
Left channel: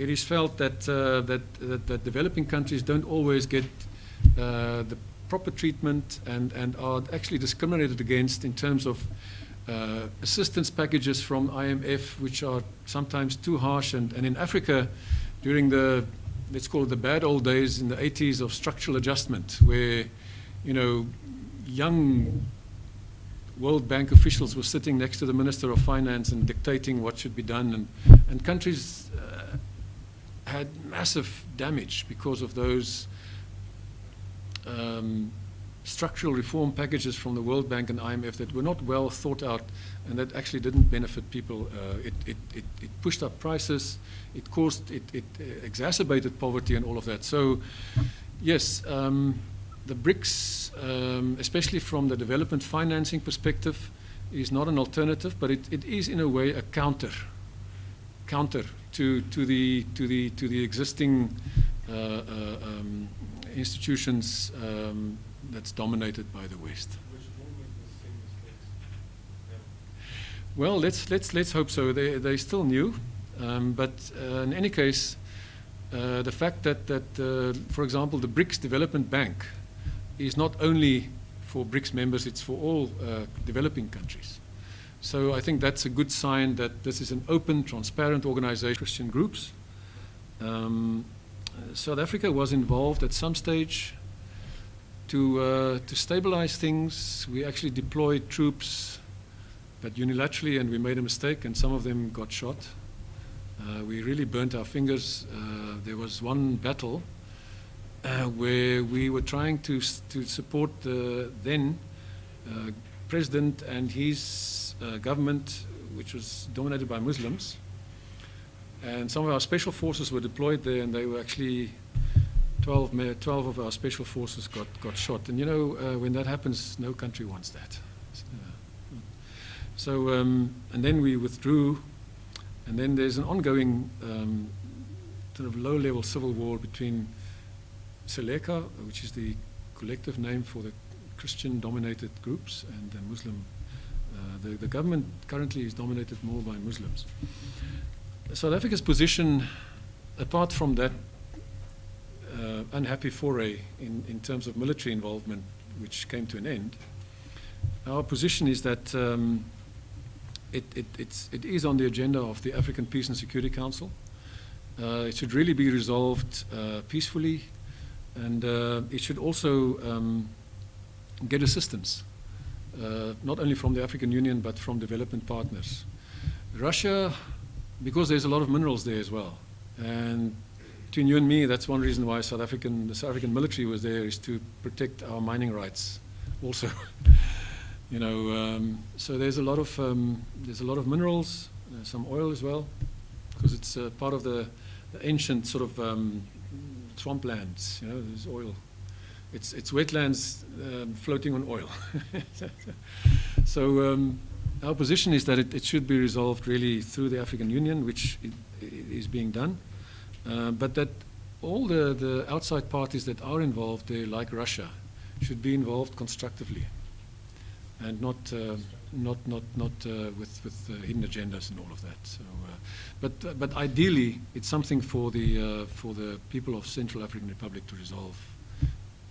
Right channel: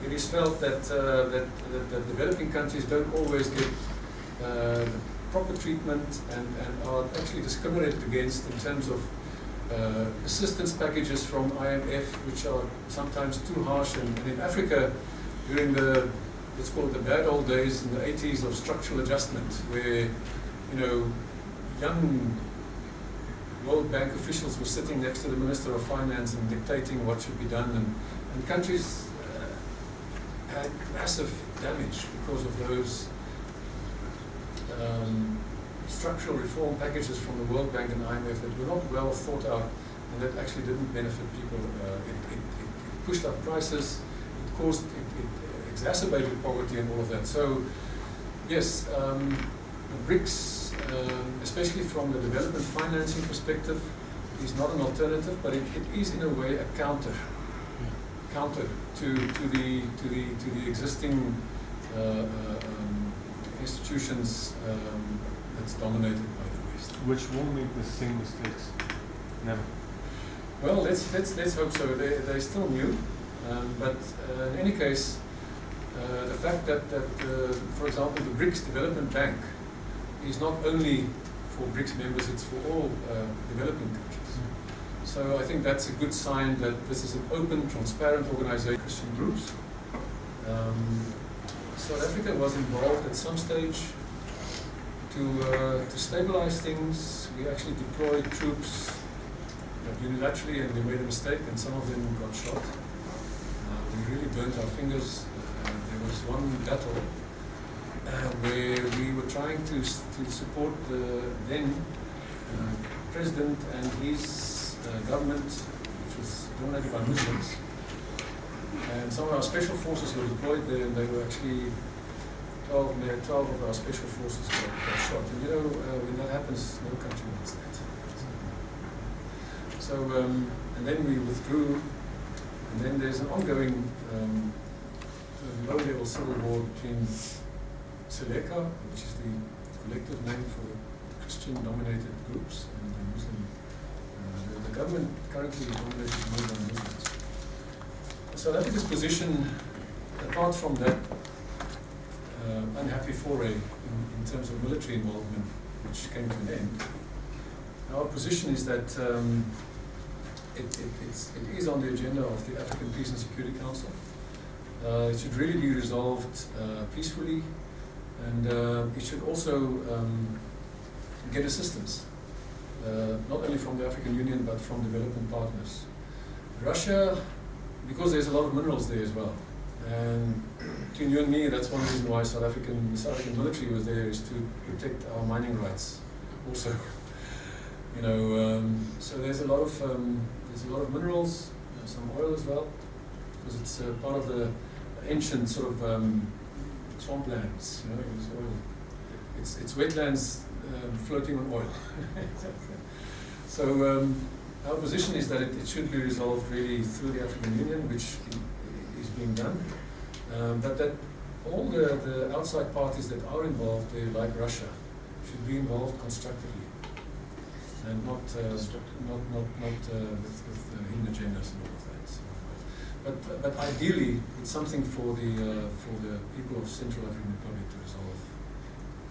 it is felt that developing countries don't always get the proper treatment and are actually discriminated against in terms of assistance packages from IMF, which are sometimes too harsh. And in Africa, during the, let's call it the bad old days in the 80s of structural adjustment, where young World Bank officials were sitting next to the Minister of Finance and dictating what should be done, and countries had massive damage because of those structural reform packages from the World Bank and IMF that were not well thought out and that actually didn't benefit people. It pushed up prices, it exacerbated poverty and all of that. So yes, the BRICS, especially from the development financing perspective, is not an alternative, but it is in a way a counter to the existing institutions that's dominated by the West. Which won't make the same mistakes. Never. Well, let's hope so. They're still new, but in any case, the fact that for example, the BRICS Development Bank is not only for BRICS members, it's for all developing countries. So I think that's a good sign that this is an open, transparent organization. Christian groups. South Africa was involved at some stage to stabilize things. We actually deployed troops, but unilaterally, and we made a mistake, and some of them got shot. We really burnt our fingers. There was one battle where we were trying to support the then president and his government, which was dominated by Muslims. And some of our special forces were deployed there, and they were actually 12 of our special forces got shot. And when that happens, no country wants that. So, and then we withdrew, and then there's an ongoing sort of low-level civil war between Seleka, which is the collective name for the Christian-dominated groups, and the Muslim. The government currently is dominated more by Muslims. South Africa's position, apart from that unhappy foray in terms of military involvement, which came to an end, our position is that it is on the agenda of the African Peace and Security Council. It should really be resolved peacefully, and it should also get assistance, not only from the African Union but from development partners. Russia, because there's a lot of minerals there as well, and between you and me, that's one reason why the South African military was there, is to protect our mining rights also. So there's a lot of minerals, some oil as well, because it's part of the ancient sort of swamplands. There's oil. It's wetlands floating on oil. So our position is that it should be resolved really through the African Union, which is being done, but that all the outside parties that are involved there, like Russia, should be involved constructively, and not with hidden agendas and all of that. So, but ideally, it's something for the people of Central African Republic to resolve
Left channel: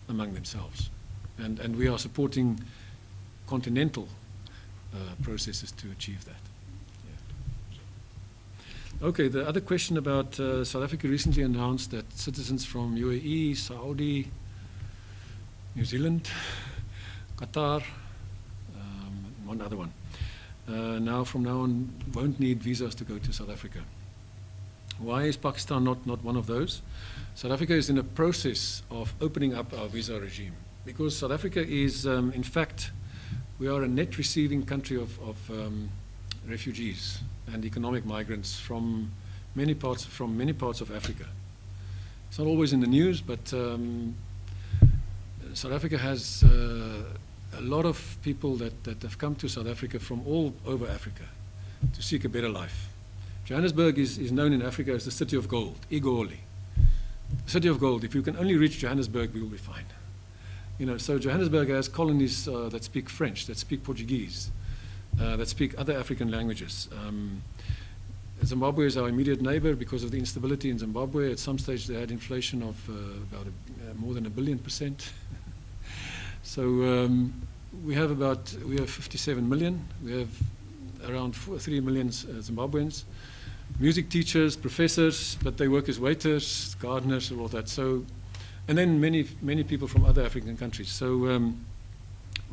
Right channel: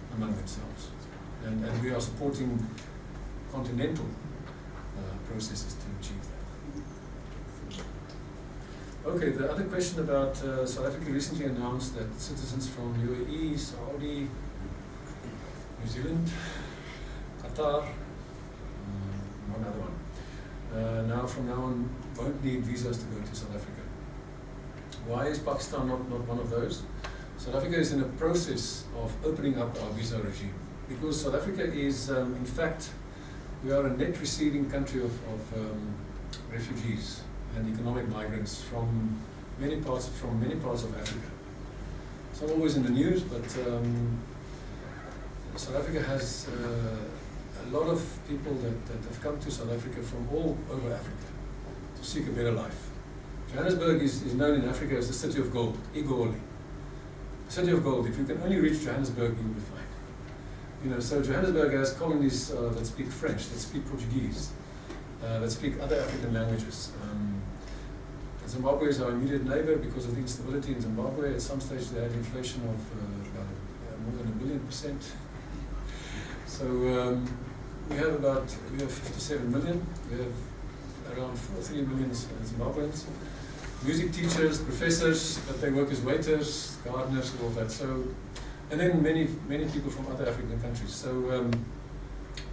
among themselves, and we are supporting continental processes to achieve that. Okay, the other question about South Africa recently announced that citizens from UAE, Saudi, New Zealand, Qatar, one other one, from now on won't need visas to go to South Africa. Why is Pakistan not one of those? South Africa is in a process of opening up our visa regime. because South Africa is, in fact, we are a net receiving country of refugees and economic migrants from many parts of Africa. It's not always in the news, but South Africa has a lot of people that have come to South Africa from all over Africa to seek a better life. Johannesburg is known in Africa as the city of gold, Igoli. The city of gold. If you can only reach Johannesburg, you'll be fine. You know, so Johannesburg has colonies that speak French, that speak Portuguese, that speak other African languages. Zimbabwe is our immediate neighbor because of the instability in Zimbabwe. At some stage they had inflation of about more than 1 billion%. So we have 57 million. We have around 3 million Zimbabweans. Music teachers, professors, but they work as waiters, gardeners, and all that. So, and then many people from other African countries. So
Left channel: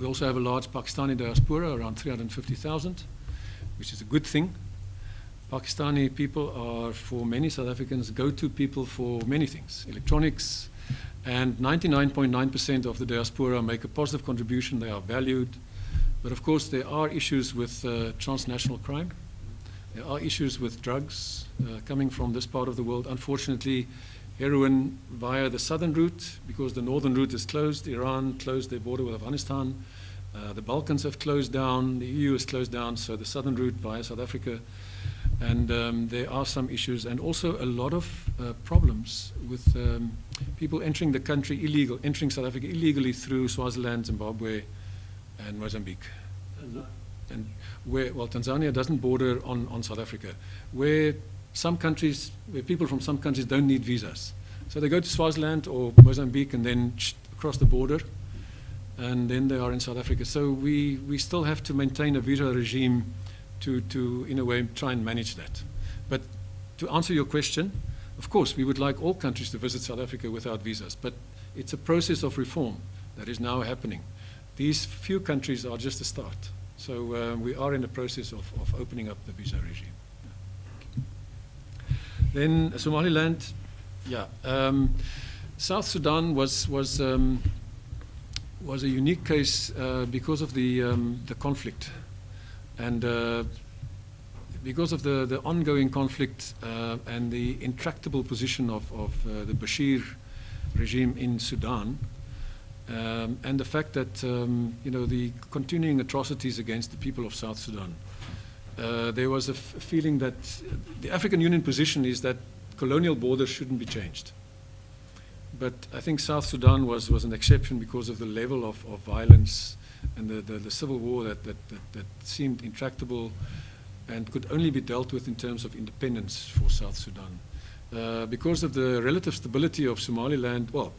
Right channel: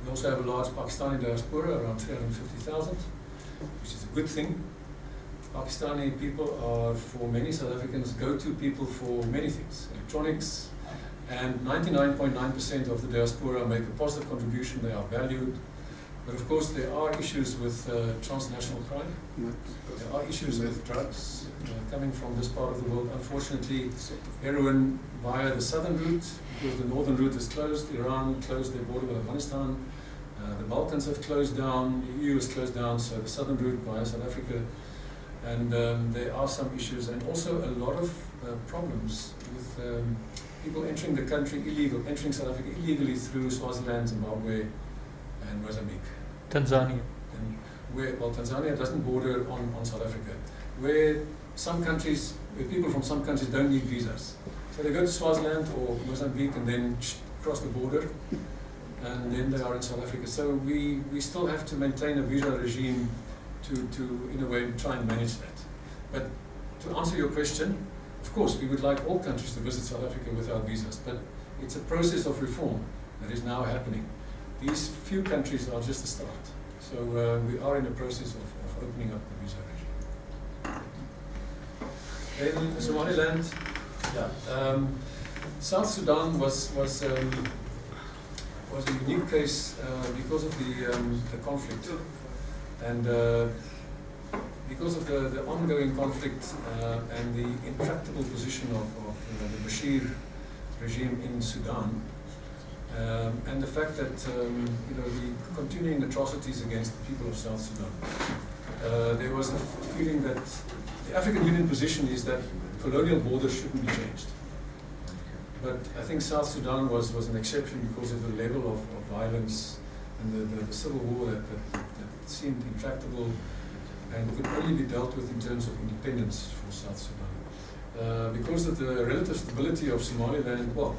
we also have a large Pakistani diaspora, around 350,000, which is a good thing. Pakistani people are, for many South Africans, go-to people for many things, electronics, and 99.9% of the diaspora make a positive contribution. They are valued. But of course, there are issues with transnational crime. There are issues with drugs coming from this part of the world. Unfortunately, heroin via the southern route, because the northern route is closed. Iran closed their border with Afghanistan. The Balkans have closed down. The EU has closed down. So the southern route via South Africa. And there are some issues, and also a lot of problems with people entering the country entering South Africa illegally through Swaziland, Zimbabwe, and Mozambique. Tanzania. And well, Tanzania doesn't border on South Africa, where people from some countries don't need visas. So they go to Swaziland or Mozambique and then cross the border, and then they are in South Africa. So we still have to maintain a visa regime to in a way try and manage that. But to answer your question, of course we would like all countries to visit South Africa without visas, but it's a process of reform that is now happening. These few countries are just a start. So we are in the process of opening up the visa regime. Then Somaliland, South Sudan was a unique case because of the conflict. And because of the ongoing conflict and the intractable position of the Bashir regime in Sudan, and the fact that the continuing atrocities against the people of South Sudan, there was a feeling that the African Union position is that colonial borders shouldn't be changed. But I think South Sudan was an exception because of the level of violence and the civil war that seemed intractable and could only be dealt with in terms of independence for South Sudan. Because of the relative stability of Somaliland, well,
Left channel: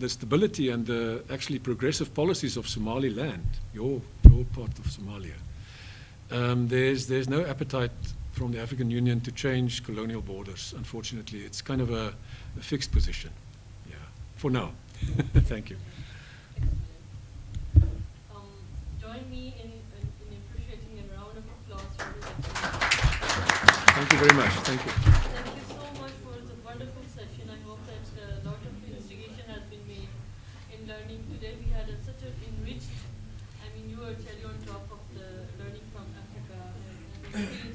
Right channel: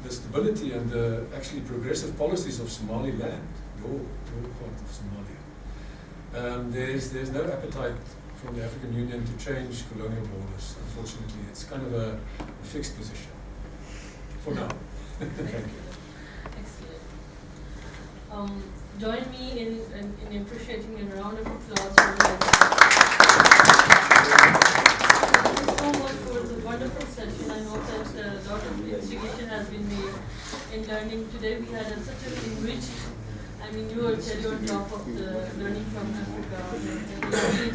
the stability and the actually progressive policies of Somaliland, your part of Somalia, there's no appetite from the African Union to change colonial borders, unfortunately. It's kind of a fixed position for now. Thank you. Join me in appreciating a round of applause for him. Thank you very much. Thank you so much for the wonderful session. I hope that a lot of instigation has been made in learning. Today we had such an enriched, you were cherry on top of the learning from Africa. And